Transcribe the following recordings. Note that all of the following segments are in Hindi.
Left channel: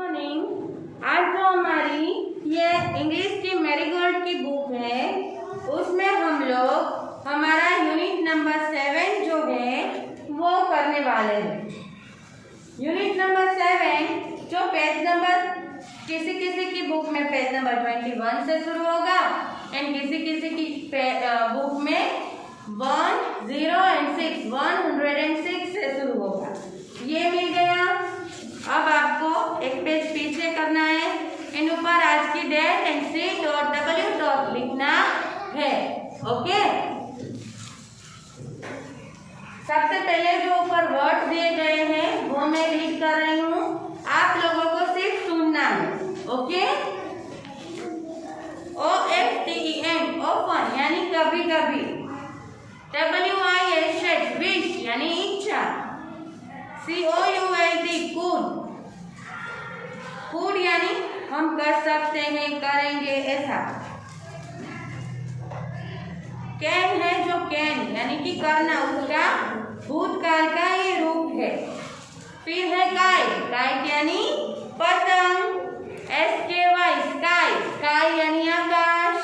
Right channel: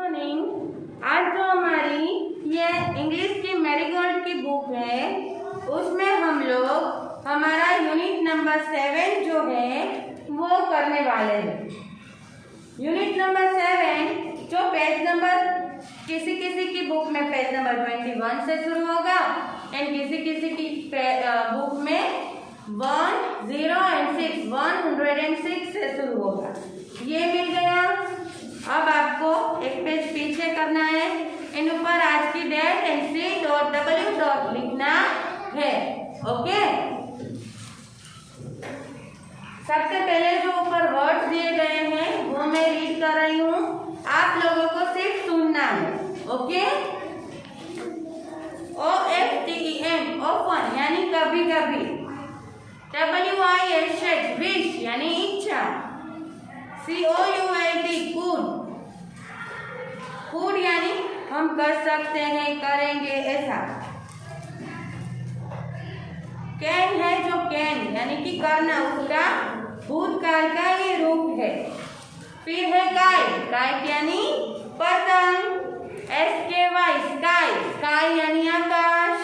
मॉर्निंग। आज जो हमारी ये इंग्लिश की मैरीगोल्ड की बुक है उसमें हम लोग हमारा यूनिट नंबर 7 जो है वो करने वाले हैं। यूनिट नंबर 7 जो पेज नंबर किसी किसी की बुक में पेज नंबर 21 से शुरू होगा एंड किसी किसी की बुक में 106 से शुरू होगा। ये मिल गया। अब आपको एक पेज पीछे करना है, इन ऊपर आज की डेट एंड C.W. लिखना है। ओके, सबसे पहले जो ऊपर वर्ड्स दिए गए हैं वो मैं रीड कर रही हूँ, आप लोगों को सिर्फ सुनना है। ओके, OFTEN ओपन यानी कभी कभी, WISH विश यानी इच्छा, COULD कुड यानी हम कर सकते हैं, करेंगे ऐसा। कैन है जो कैन यानी कि करना, उसका भूतकाल का ये रूप है। फिर है काइट यानी पतंग, SKY स्काई यानी आकाश,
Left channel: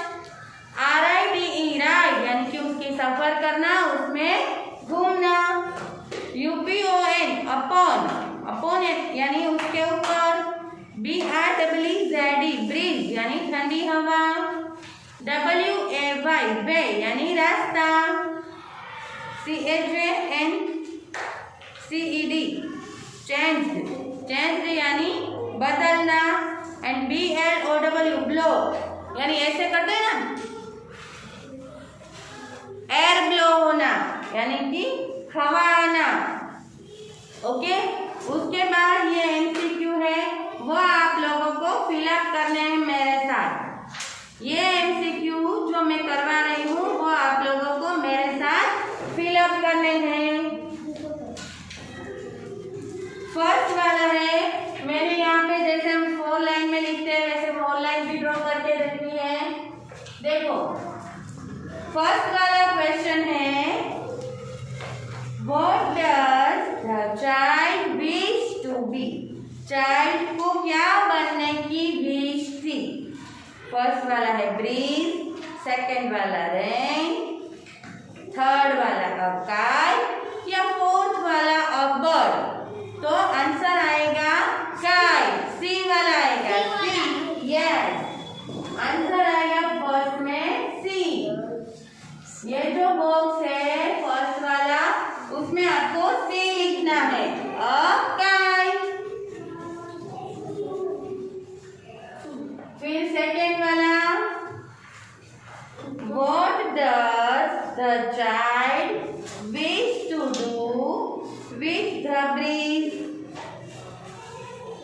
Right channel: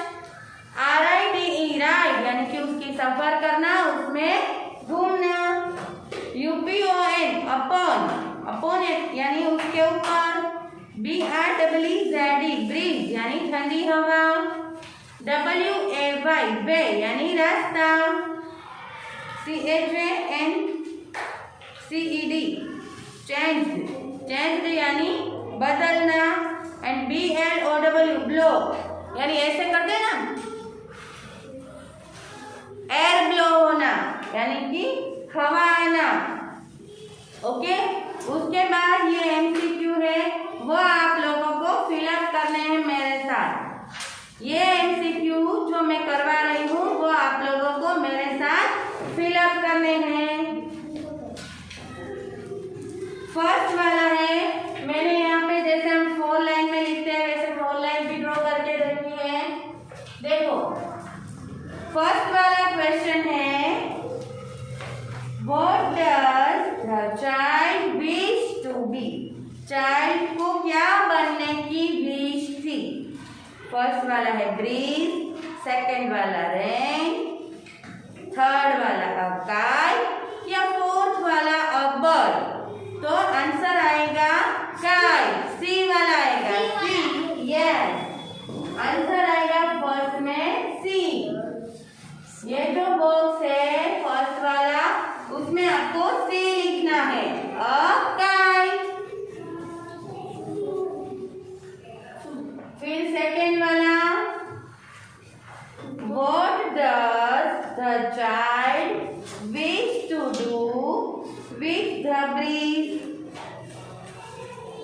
RIDE राइड यानी कि उसकी सफर करना, उसमें घूमना, UPON अपॉन यानी उसके ऊपर, BREEZ ब्रीज यानी ठंडी हवा, WAY वे यानी रास्ता, CHANGED यानी बदलना, एंड BLOW ब्लो यानी ऐसे करते हैं ना, एयर ब्लो होना यानी कि हवा आना। ओके, उसके बाद ये MCQ है, वो आप लोगों को फिलअप करने हैं मेरे साथ। ये MCQ जो मैं करवा रही हूँ वो आप लोगों को मेरे साथ फिलअप करने हैं। फर्स्ट वाला है, मैंने यहाँ पे जैसे हम 4 लाइन में लिखते हैं वैसे 4 लाइन भी ड्रॉ करके रखी है। देखो, फर्स्ट वाला क्वेश्चन है, What does the child wish to be? Child को क्या बनने की विश थी? फर्स्ट वाला है ब्रीज, सेकंड वाला रेन, थर्ड वाला अ काइट या फोर्थ वाला अ बर्ड। तो आंसर आएगा काइट, सी वाला आएगा, सी। यस, आंसर आएगा फर्स्ट में सी। ये जो बॉक्स है फर्स्ट वाला, उसमें आपको सी लिखना है, अ काइट। फिर सेकेंड वाला, What does the child wish to do with the breeze?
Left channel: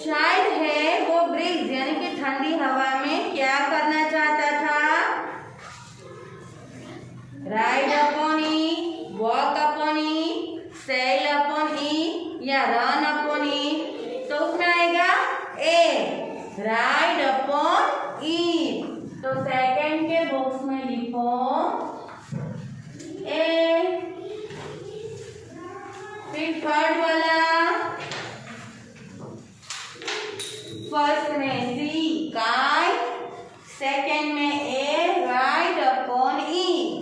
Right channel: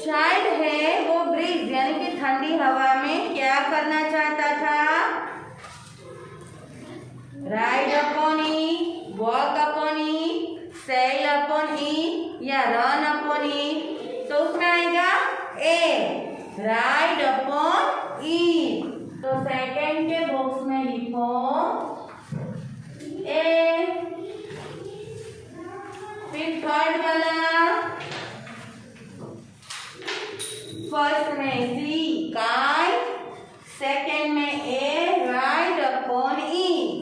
Child है वो ब्रीज यानी कि ठंडी हवा में क्या करना चाहता था? Ride upon it, walk upon it, sail upon it या रन अपॉन इट। तो उसमें आएगा ए, राइड अपॉन इट। तो सेकंड के बॉक्स में लिखो ए। फिर थर्ड वाला, फर्स्ट में सी काइट, सेकंड में ए, राइड अपॉन इट।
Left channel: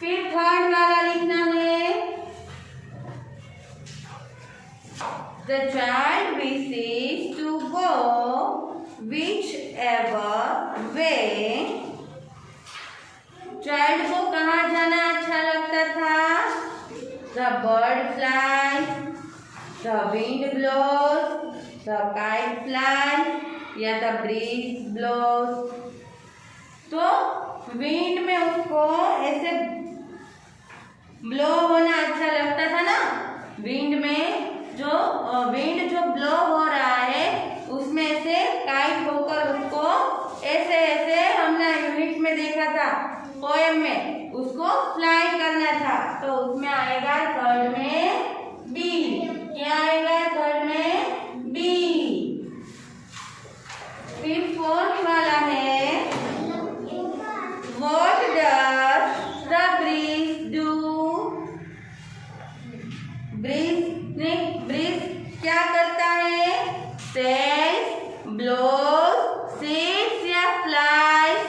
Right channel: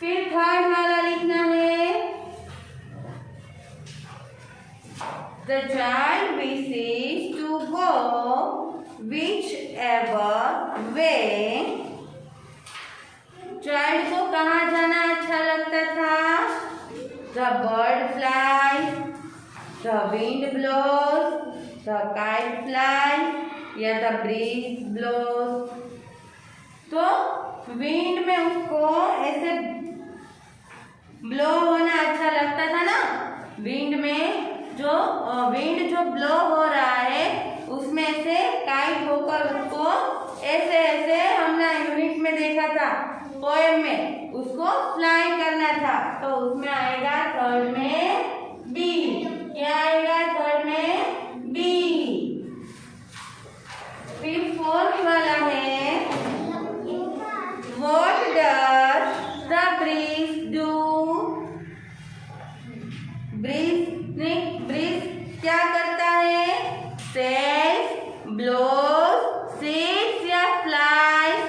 फिर थर्ड वाला लिखना है, The child wishes to go whichever way. Child को कहाँ जाना अच्छा लगता था? The bird flies, the wind blows, the kite flies या the breeze blows। तो विंड में उसको ऐसे ब्लो होना अच्छा लगता था ना, विंड में विंड जो ब्लो हो रहा है उसमें से काइट होकर उसको ऐसे ऐसे हमने यूनिट में देखा था, पोएम में, उसको फ्लाई करना था। तो उसमें आएगा थर्ड में बी। क्या आएगा थर्ड में? बी। फिर फोर्थ वाला है, What does the breeze do? Breeze क्या करता है? blows seeds या flies?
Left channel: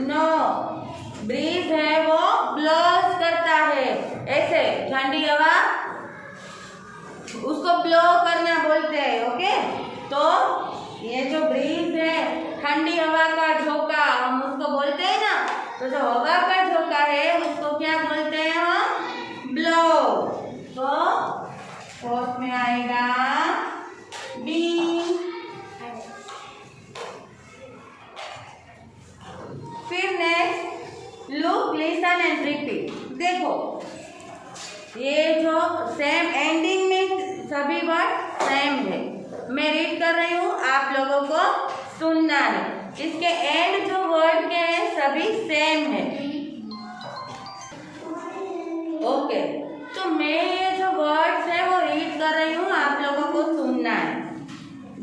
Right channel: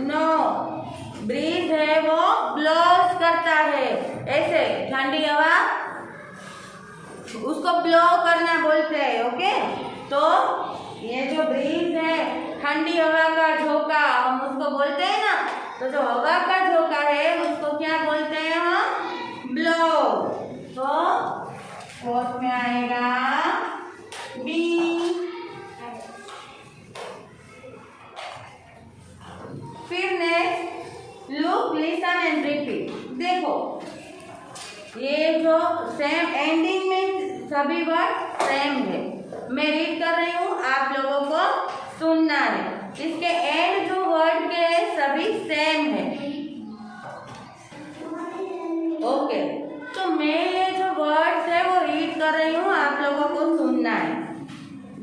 नो, ब्रीज है वो ब्लोस करता है, ऐसे ठंडी हवा उसको ब्लो करना बोलते हैं। ओके, तो ये जो ब्रीज है ठंडी हवा का झोंका हम उसको बोलते हैं ना, तो जो हवा का झोंका है उसको क्या बोलते हैं हम? ब्लो। तो फोर्थ में आएगा बी। फिर next look, listen and repeat. देखो ये जो सेम एंडिंग में सभी वर्ड सेम है, मैं रीड कर रही हूँ, आप लोगों को सुनना है। इसके एंड जो वर्ड के सभी सेम है। ओके, तो मैं ये जो वर्ड्स है वो रीड कर रही हूँ, आप लोगों को सुनना है।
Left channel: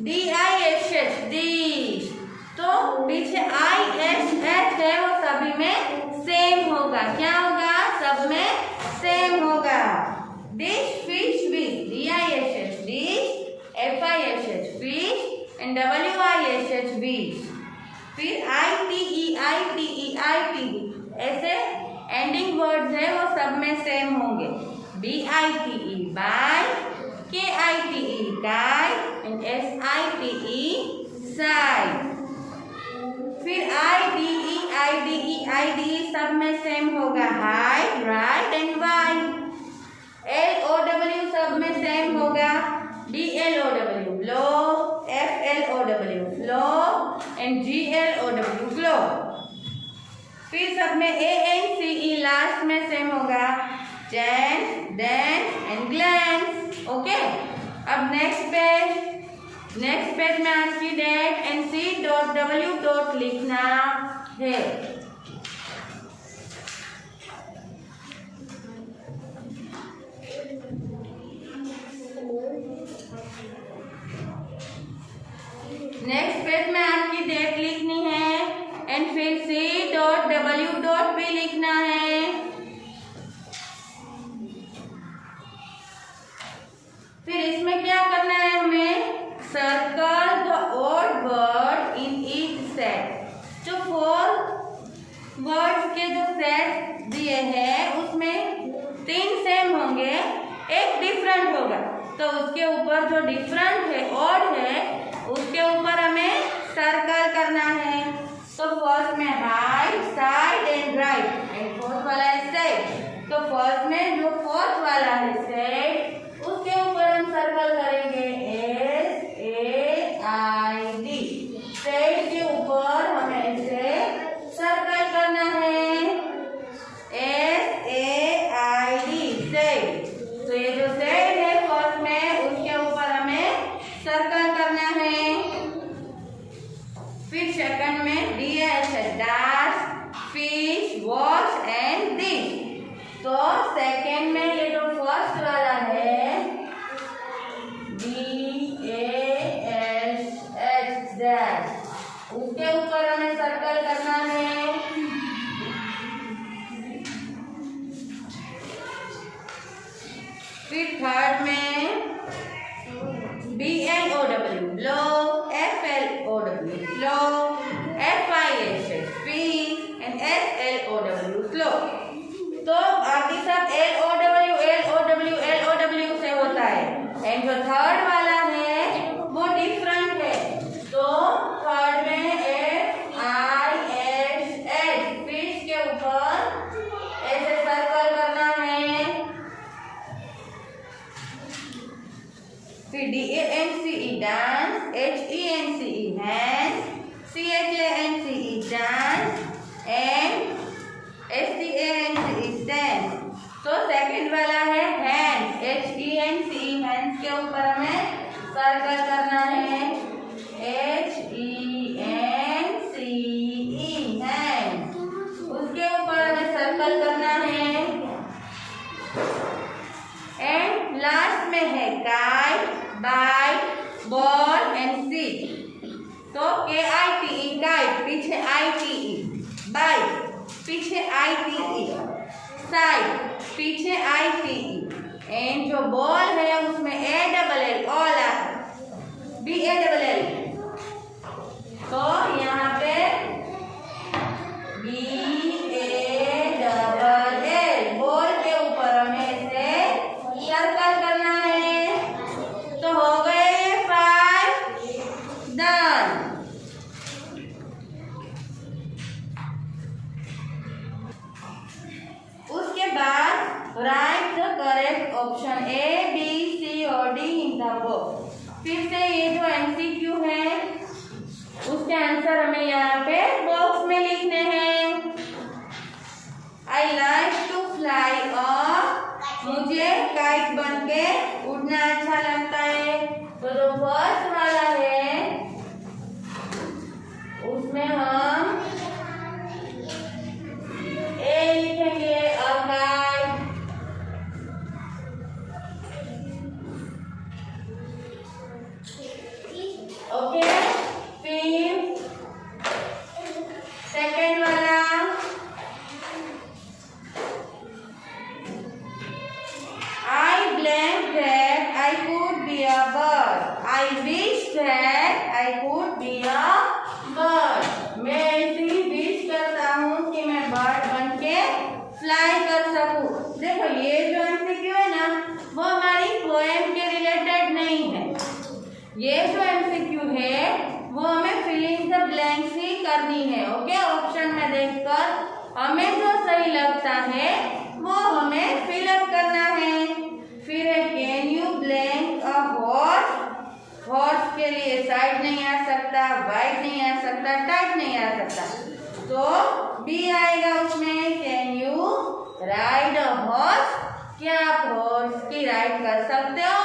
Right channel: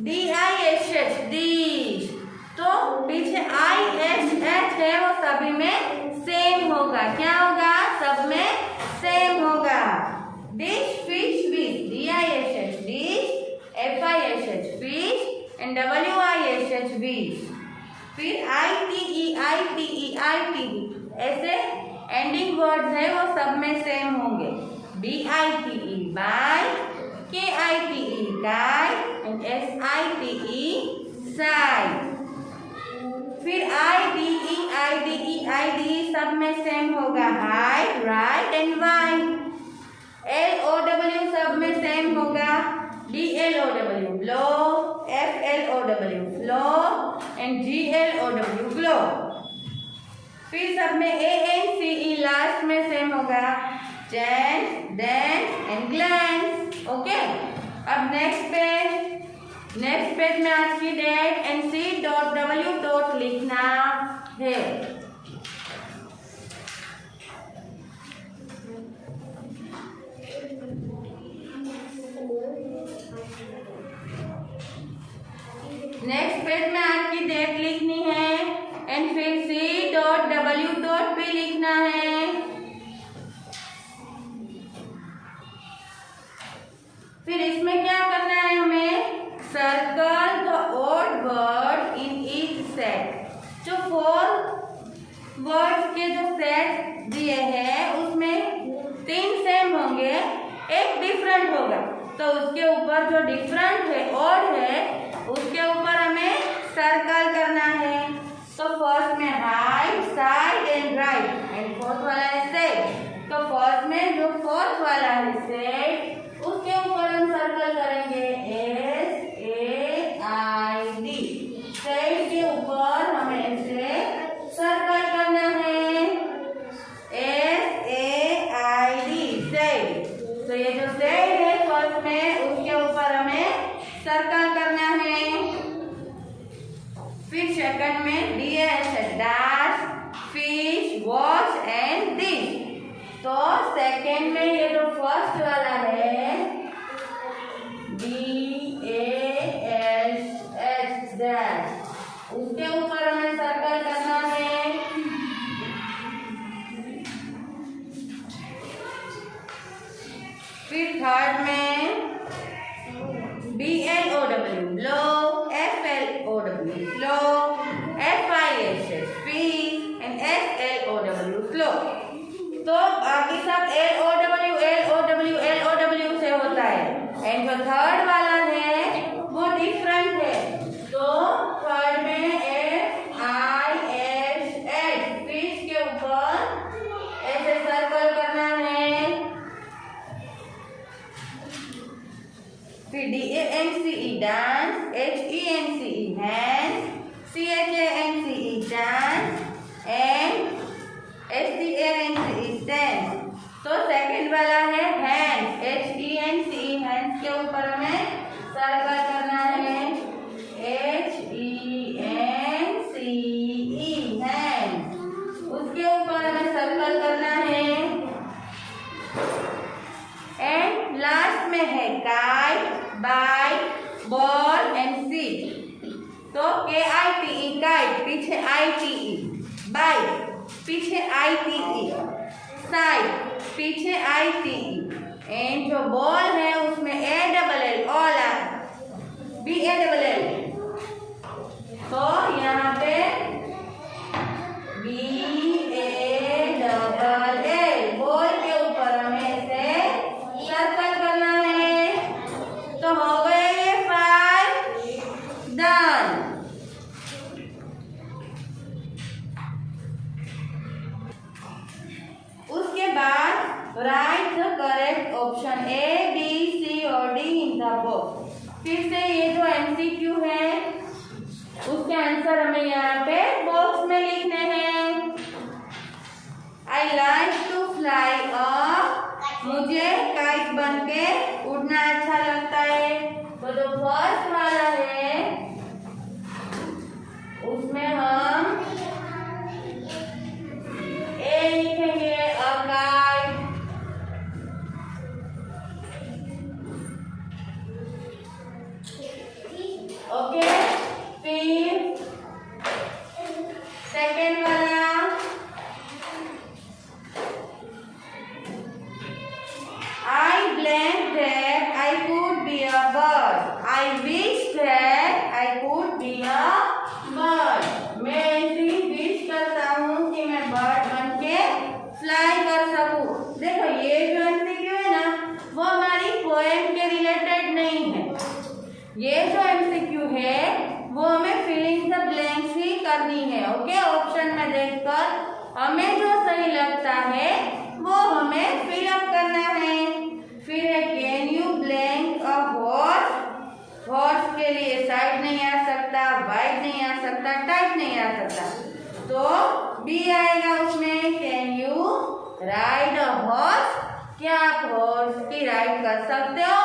DISH डिश, तो पीछे ISH है वो सभी में सेम होगा। क्या होगा? सब में सेम होगा। Dish, fish, wish, DISH dish, FISH fish and WISH wish. फिर ITE ऐसे एंडिंग वर्ड्स है वो सब में सेम होंगे। BITE bye, KITE kite and SITE side. फिर IDE सब में सेम होगा, height, right and white. LOW सब में सेम होगा, BLOW blow, FLOW flow and GLOW glow. फिर सब में ANCE लास्ट में सेम होगा, chance, dance and glans. Okay, अब नेक्स्ट पेज में आज की डेट एंड C.W. लिखना है। नेक्स्ट पेज में आज की डेट लिखनी है एंड फिर C.W. भी लिखना है। फिर इसमें क्या करना है हमें? Circle the odd word in each set. जो 4 वर्ड्स के जो सेट दिए हैं उसमें 3 सेम होंगे, एक डिफरेंट होगा, तो उसके ऊपर जो डिफरेंट है, ओड है, उसके ऊपर हमें सर्कल करना है। तो फर्स्ट में height, side and right and fourth वाला है सेट। तो फर्स्ट में जो फोर्थ वाला है सेट, उसके ऊपर हम सर्कल करेंगे SAID। सेट के ऊपर हमें इसे सर्कल करना है, SAID सेट। तो ये जो सेट है फर्स्ट में, उसके ऊपर हमें सर्कल करना है। फिर सेकंड में DASH dash, fish, wash and dish. तो सेकंड में ये जो फर्स्ट वाला है DASH डैश, उसके ऊपर हमें सर्कल करना है। फिर थर्ड में BLOW blow, FLOW flow, FISH fish and SLOW flow। तो बाकी सब LOW से होता है एंड जो थर्ड वाला है वो डिफरेंट है। तो थर्ड में FISH फिश के ऊपर ऐसे सर्कल करना है। फिर DANCE dance, HENCE hand, CHANCE dance and STANCE stand. तो सेकंड वाला है हैंड, HENCE हैंड के ऊपर हमें सर्कल करना है, HENCE हैंड, उसके ऊपर हमें सर्कल करना है। एंड लास्ट में है kite, bite, ball and seat. तो KITE काइट, पीछे ITE, बाइट पीछे ITE, साइड पीछे ITE एंड जो बॉल है उसमें ALL all BALL option A, B, C और डी इन द बॉक्स। फिर से ये जो एमसीक्यू है उसके आंसर हमें यहाँ पे बॉक्स में लिखने हैं। आई लाइक टू फ्लाई, और मुझे काइट बन के उड़ना अच्छा लगता है। तो जो फर्स्ट वाला है उसमें हम ए लिखेंगे, अ काइट। ओके, फिर सेकेंड वाला I blank that I could be a bird. I wish that I could be a bird. मैं ऐसी विश करता हूँ कि मैं बर्ड बन के फ्लाई कर सकूँ। देखो ये जो एमसीक्यू है ना वो हमारी पोएम के रिलेटेड नहीं है। ये जो एमसीक्यू है वो हमें फिलिंग द ब्लैंक्स ही करनी है। ओके, ऑप्शन में देखकर हमें जो सही लगता है वो हमें फिलअप करना है। फिर है can you blank a horse. Horse के लिए साइड नहीं आ सकता, वाइड नहीं आ सकता, टाइट नहीं आ सकता, तो बी आएगा उसमें। Can you ride a horse. क्या आप हॉर्स की राइड कर सकते हो?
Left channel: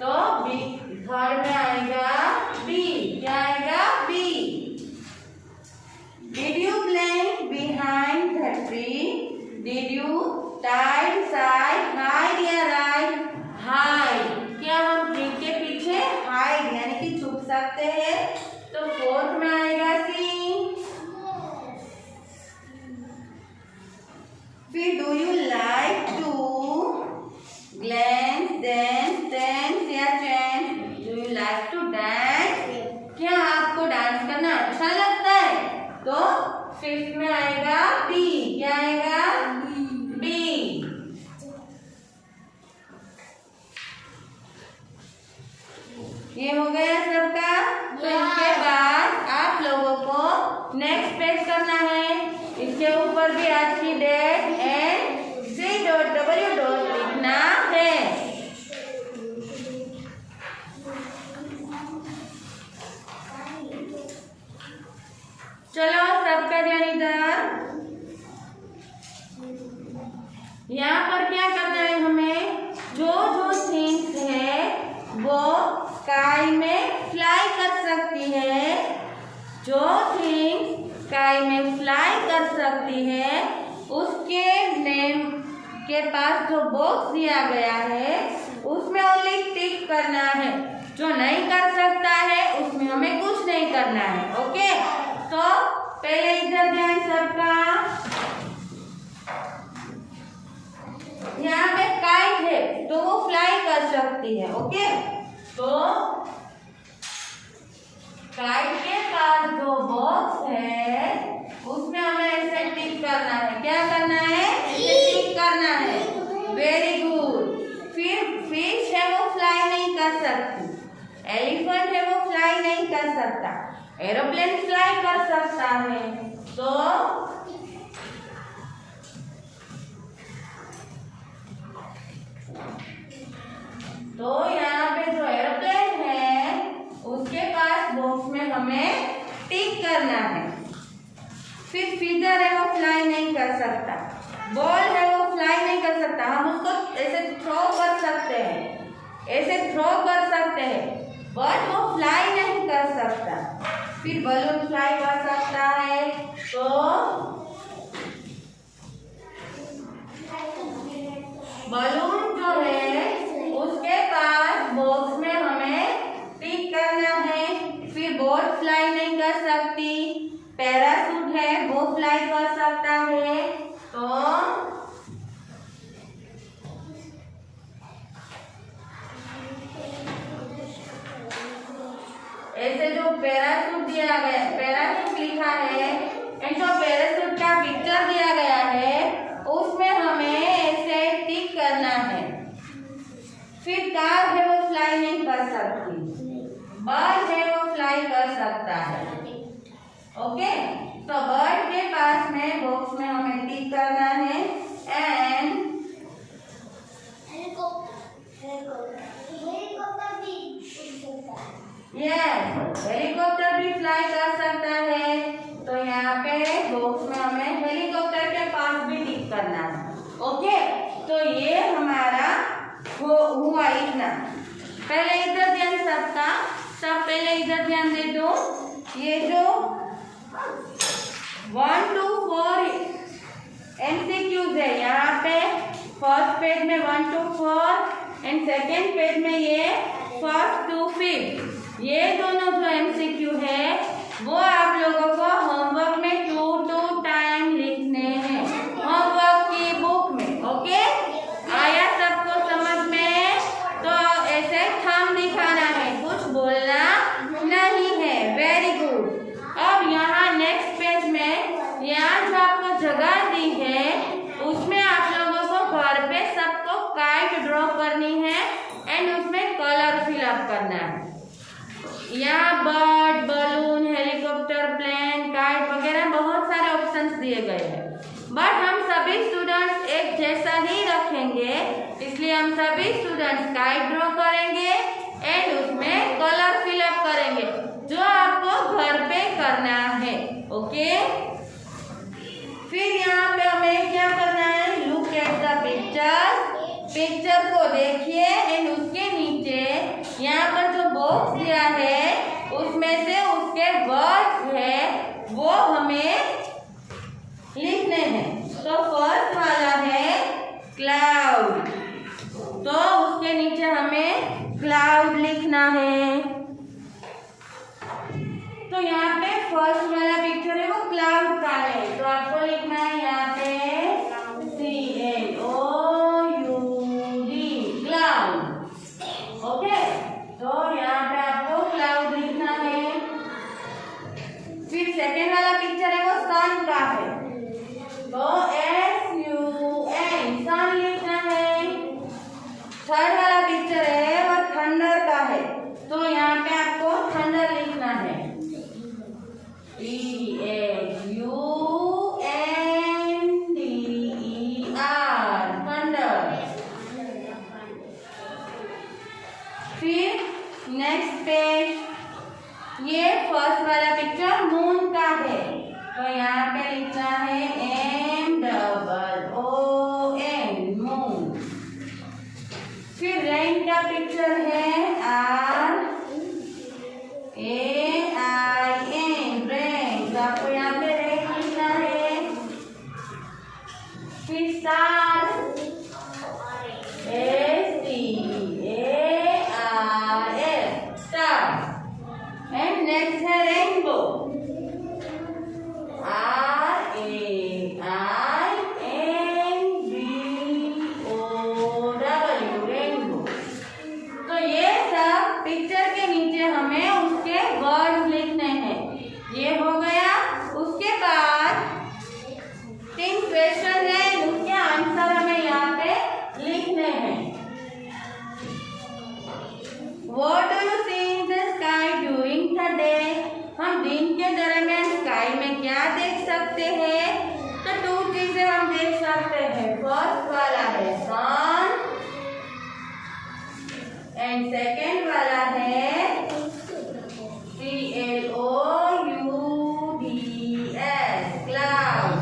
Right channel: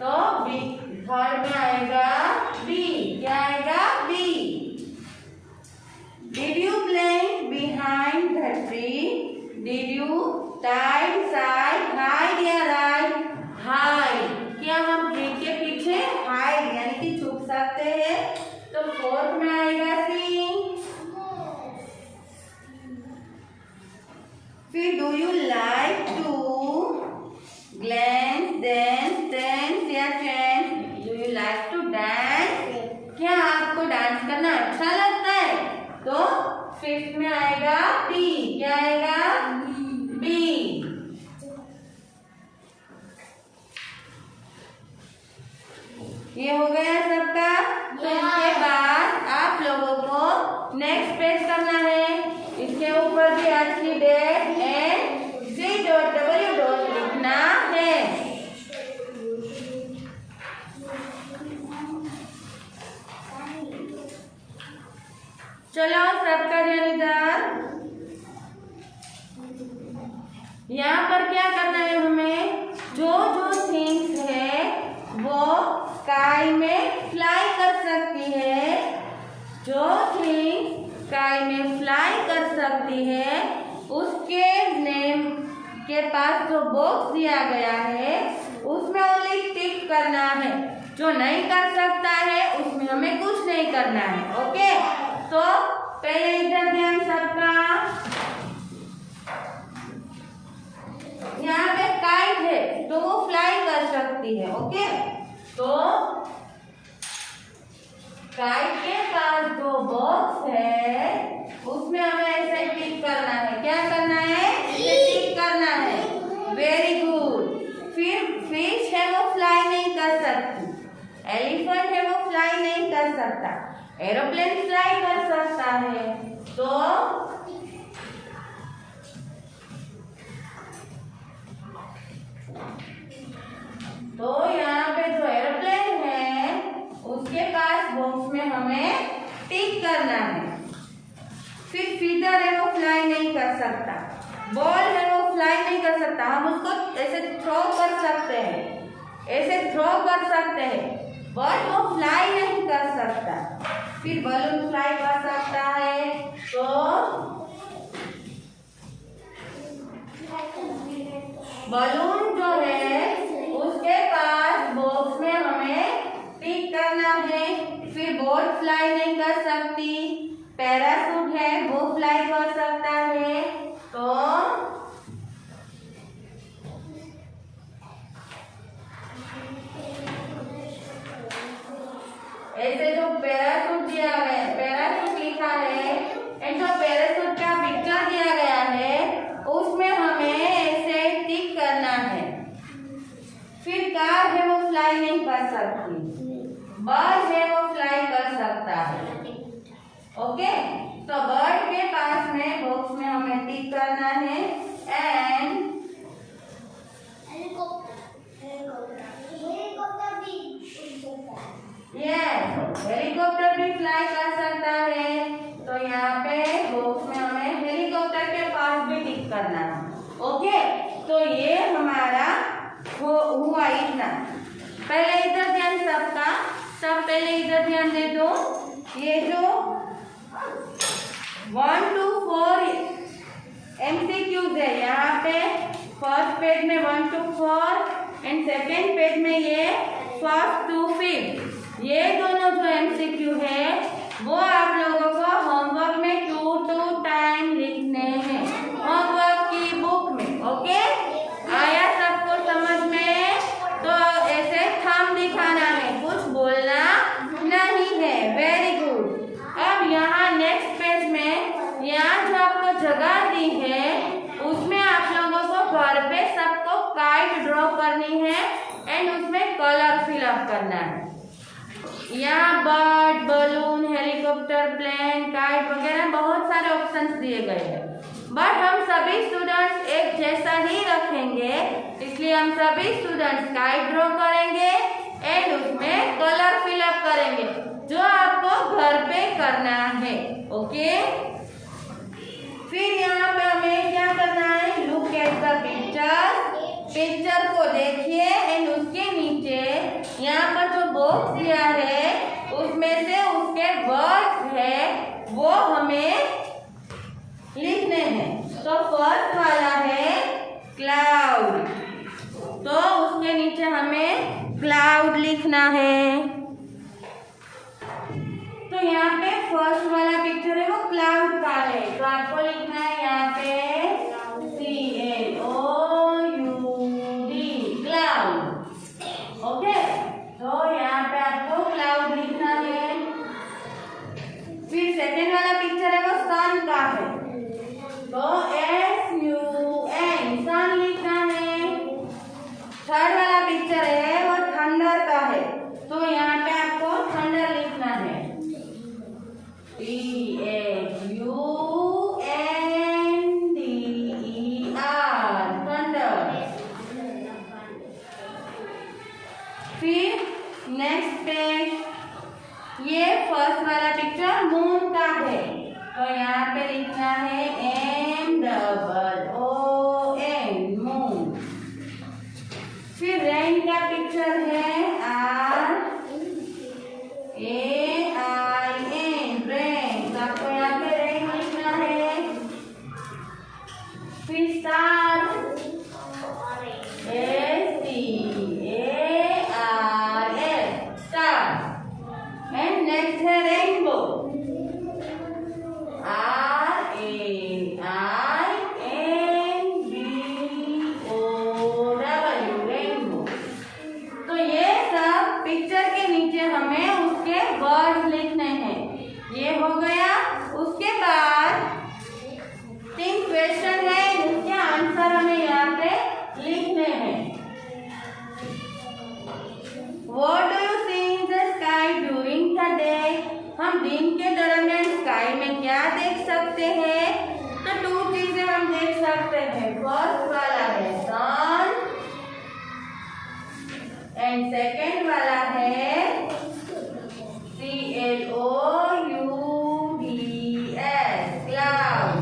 तो बी। थर्ड में आएगा बी। क्या आएगा? B. Did you blank behind the tree. Did you tide side hide या राइट? हाइड। क्या हम ट्री के पीछे हाइड यानी कि छुप सकते हैं? तो फोर्थ में आएगा सी। फिर do you like to glance, dance, dance या chant? Do you like to dance. क्या आपको डांस करना अच्छा लगता है? तो फिफ्थ में आएगा बी। क्या आएगा? बी। ये हो गया सबका। तो इसके बाद आप लोगों को नेक्स्ट पेज करना है। इसके ऊपर भी आज की डेट एंड C.W. लिखना है। चलो सबका ध्यान इधर। यहाँ पर क्या करना है हमें? जो जो थिंग्स है वो स्काई में फ्लाई कर सकती है। जो थिंग्स स्काई में फ्लाई कर सकती है उसके नेम के पास जो बॉक्स दिया गया है उसमें ओनली टिक करना है। जो नहीं कर सकता है उसमें हमें कुछ नहीं करना है। ओके, तो पहले इधर ध्यान सबका। यहाँ पे काइट है तो वो फ्लाई कर सकती है। ओके, तो काइट के पास जो बॉक्स है उसमें हमें ऐसे टिक करना है। क्या करना है? ऐसे टिक करना है। Very good. फिर फिश है वो फ्लाई नहीं कर सकती, एलिफेंट है वो फ्लाई नहीं कर सकता, एरोप्लेन फ्लाई कर सकता है। तो यहाँ पे जो एरोप्लेन है उसके पास बॉक्स में हमें टिक करना है। फिर फीदर है वो फ्लाई नहीं कर सकता, बॉल है वो फ्लाई नहीं कर सकता। हम उसको ऐसे थ्रो कर सकते हैं, ऐसे थ्रो कर सकते हैं, बट वो फ्लाई नहीं कर सकता। फिर बलून फ्लाई कर सकता है। तो बलून जो है उसके पास बॉक्स में हमें टिक करना है। फिर बोट फ्लाई नहीं कर सकती, पैराशूट है वो फ्लाई कर सकता है। तो ऐसे जो पैराशूट दिया गया, पैराशूट लिखा है एंड जो पैराशूट का पिक्चर दिया गया है उसमें हमें ऐसे टिक करना है। फिर कार है वो फ्लाई नहीं कर सकती, बर्ड है वो फ्लाई कर सकता है। ओके, तो बर्ड के पास में बॉक्स में हमें टिक करना है एंड यस, हेलीकॉप्टर भी फ्लाई कर सकता है। तो यहाँ पे बॉक्स में हमें हेलीकॉप्टर के पास भी टिक करना है। ओके, तो ये हमारा हुआ इतना। पहले इधर ध्यान सबका, सब पहले इधर ध्यान दे दो। ये जो 1 to 4 MCQs है, यहाँ पे फर्स्ट पेज में 1 to 4 एंड सेकेंड पेज में ये 1st to 5th, ये दोनों जो MCQ है वो आप लोगों को होमवर्क में 2 टाइम लिखने हैं, होमवर्क की बुक में। ओके, आया सबको समझ में? तो ऐसे थंब दिखाना है, कुछ बोलना नहीं है। Very good. अब यहाँ नेक्स्ट पेज में यहाँ जो आपको जगह दी है उसमें आप लोगों को घर पे सबको काइट ड्रॉ करनी है एंड उसमें कलर फिलअप करना है। यहाँ bird, balloon, helicopter, plane, kite वगैरह बहुत सारे ऑप्शंस दिए गए हैं, बट हम सभी स्टूडेंट्स एक जैसा ही रखेंगे, इसलिए हम सभी स्टूडेंट्स काइट ड्रॉ करेंगे एंड उसमें कलर फिलअप करेंगे जो आपको घर पे करना है। ओके, फिर यहाँ पे हमें क्या करना है? Look at the picture, picture को देखिए एंड उसके नीचे यहाँ पर जो बॉक्स दिया है उसमें से उसके वर्ड्स है वो हमें लिखने हैं। तो फर्स्ट वाला है क्लाउड, तो उसके नीचे हमें क्लाउड लिखना है। तो यहाँ पे फर्स्ट वाला पिक्चर है वो क्लाउड का है, तो आपको लिखना है यहाँ पे CLOUD, क्लाउड। ओके, तो यहाँ पे आपको क्लाउड लिखना है। फिर सेकेंड वाला पिक्चर है वो सन का है, तो SUN, सन लिखना है। थर्ड वाला पिक्चर है वो थंडर का है, तो यहाँ पे आपको थंडर लिखना है, THUNDER, थंडर। फिर नेक्स्ट पेज, ये फर्स्ट वाला पिक्चर मून का है, तो यहाँ पे लिखना है MOON, मून। फिर रेन का पिक्चर है RAIN, रेन, तो आपको यहाँ पे रेन लिखना है। फिर star, STARS, star. And next है रेनबो, RAINBOW, रेनबो। तो ये सब पिक्चर के नीचे हमें उसके वर्ड लिखने हैं। ये हो गया। उसके बाद 3 क्वेश्चन है, उसके आंसर हमें यहाँ पे लिखने हैं। What do you see in the sky during the day? हम दिन के दरमियान स्काई में क्या देख सकते हैं? तो 2 चीजें हम देख सकते हैं। फर्स्ट वाला है सन एंड सेकेंड वाला है CLOUDS, क्लाउड।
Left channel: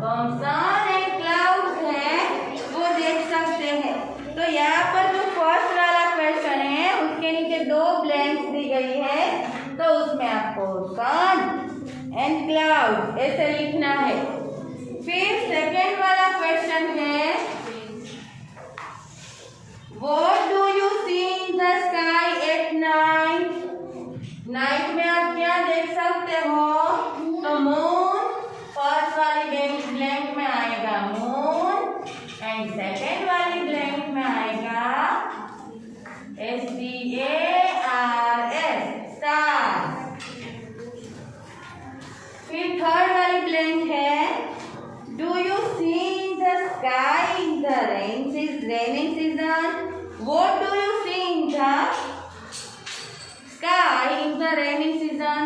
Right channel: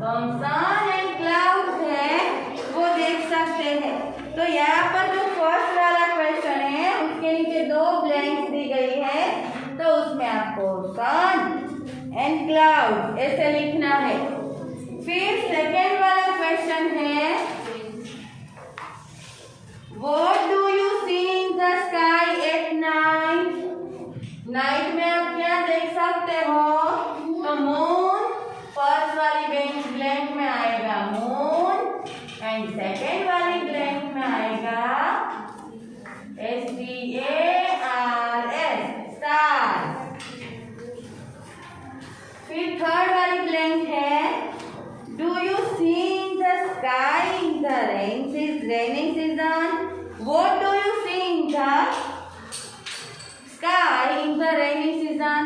तो हम सन एंड क्लाउड है वो देख सकते हैं। तो यहाँ पर जो फर्स्ट वाला क्वेश्चन है उसके नीचे 2 ब्लैंक्स दी गई है, तो उसमें आपको सन एंड क्लाउड ऐसे लिखना है। फिर सेकेंड वाला क्वेश्चन है What do you see in the sky at night? Night में आप क्या देख सकते हो? तो मून फर्स्ट वाली ब्लैंक में आएगा मून एंड सेकेंड वाली ब्लैंक में आएगा STARS, स्टार। फिर थर्ड वाली ब्लैंक है Do you see the sky in the rainy season? What do you see in the sky in the rainy season?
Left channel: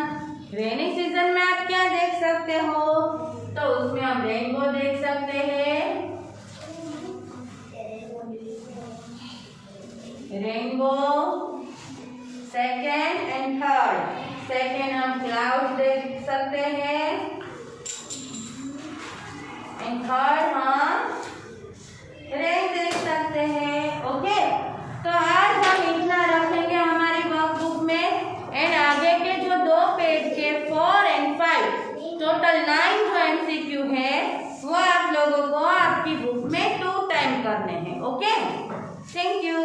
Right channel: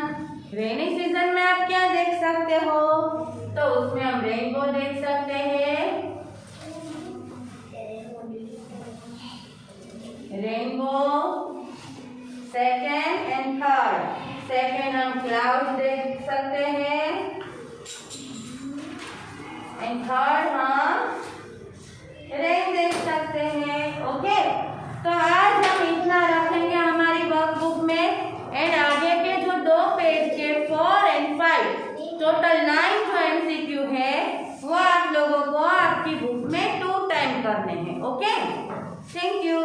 Rainy season में आप क्या देख सकते हो? तो उसमें हम रेनबो देख सकते हैं। सेकेंड हम क्लाउड देख सकते हैं एंड थर्ड हम रेन देख सकते हैं। ओके, तो आज हम इतना रखेंगे हमारी वर्कबुक में एंड आगे के जो 2 पेज के 4 एंड 5 टोटल 9 जो MCQ है वो आप लोगों को आपकी बुक में 2 टाइम करने हैं। Okay, thank you.